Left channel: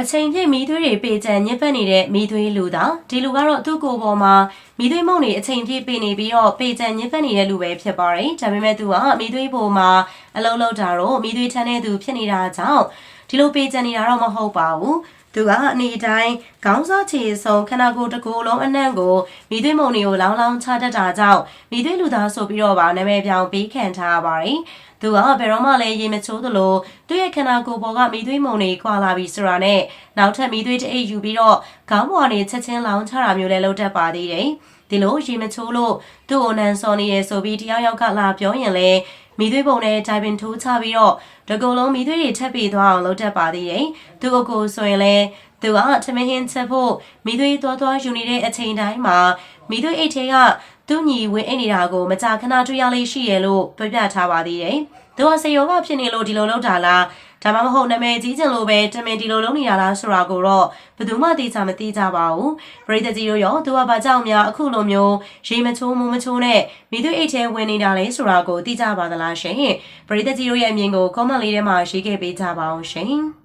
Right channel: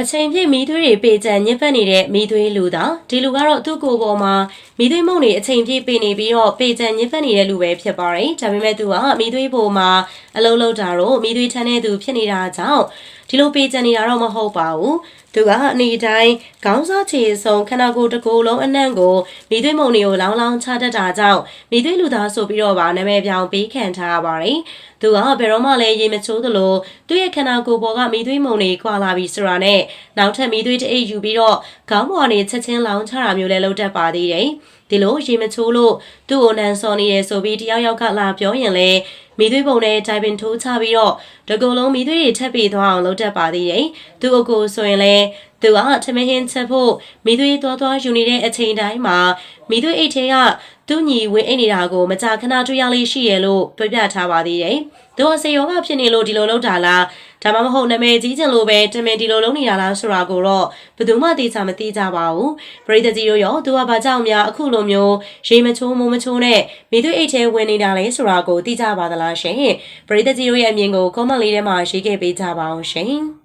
အချိန်ပြည့်မီးသွေးတွေပေကျန်ညစ်ပတ်နေတဲ့မီးသွေးလူသားဒီလူကတော့သူ့ကိုယ်ပေါ်မှာမီးသွေးမုန့်တွေအချိန်ပြည့်ပေနေပြီးတော့ပေကျန်ညစ်ပတ်နေတဲ့လူပဲဖြစ်ပါတယ်။ဒါပေမဲ့သူကမီးသွေးပေါ်မှာအလုံးလုံးတာတော့မီးသွေးထမ်းတဲ့သူဖြစ်နေတာကြောင့်ဒီလိုပေကျန်နေတာတော့မဟုတ်ပါဘူး။သူကအနေတိုင်းခေါင်းစားချေဆုံးခန္ဓာကိုယ်တစ်ကိုယ်လုံးအနှံ့ကိုမီးသွေးမုန့်တွေကိုလောင်းလောင်းချတတ်တာကြောင့်မီးသွေးလူသားဆိုပြီးတော့ပါနာမည်ပြောင်ပေးခံထားရပါတယ်။သူကဘယ်တော့မှလည်းရေမချိုးသလိုသူ့ရဲ့ခန္ဓာကိုယ်ပေါ်ကမီးသွေးမုန်တွေခွာလာပြီးဆိုတာနဲ့နောက်ထပ်မီးသွေးတအိတ်ယူပြီးတော့ခေါင်းပေါ်ကနေချက်ချင်းလောင်းချတာမျိုးလည်းလုပ်တတ်ပါသေးတယ်။ဒီလိုရေမချိုးလို့သူ့ကိုနန်စော်နေရဆိုပြီးတယောက်ယောက်ကလာပြောရင်လည်းမီးသွေးပုံနဲ့တိုင်ပင်ထိုးချပြီးတော့တကူလုံးမီးသွေးတွေထပ်ပြီးသွားအောင်လုပ်တတ်ပါသေးတယ်။သူ့အကိုဆိုရင်လည်းသူကထမင်းဟင်းချက်ဖို့မီးသွေးသွားယူနေတဲ့အချိန်တိုင်းမှာမီးသွေးအိတ်ထဲကသူ့ညီဝင်အိတ်နေတာကိုမကြာခဏတွေ့ရလေးရှိရလို့ပြပြထားပါသေးတယ်။သူကစေယောဂဖြစ်နေလို့ဒီလိုလုပ်တာလားဒါမှမဟုတ်နာမည်ကြီးချင်လို့ပဲတမင်ဒီလိုလုပ်နေတာလားဆိုတာကိုတော့ဘယ်သူမှသိချာမသိကြပါဘူး။ပရိသတ်ကြီးတို့ရောသူကဘာကြောင့်များအခုလိုမျိုးရေမချိုးမိုးမချိုးနဲ့မိသွေးအိတ်ထဲဝင်နေတာလဲဆိုတာကိုသိကြပါသလားရှင်။ပရိသတ်ကြီးတို့ရဲ့အမြင်ကို comment လေးထဲမှာရေးခဲ့ပေးကြပါအောင်ရှင်။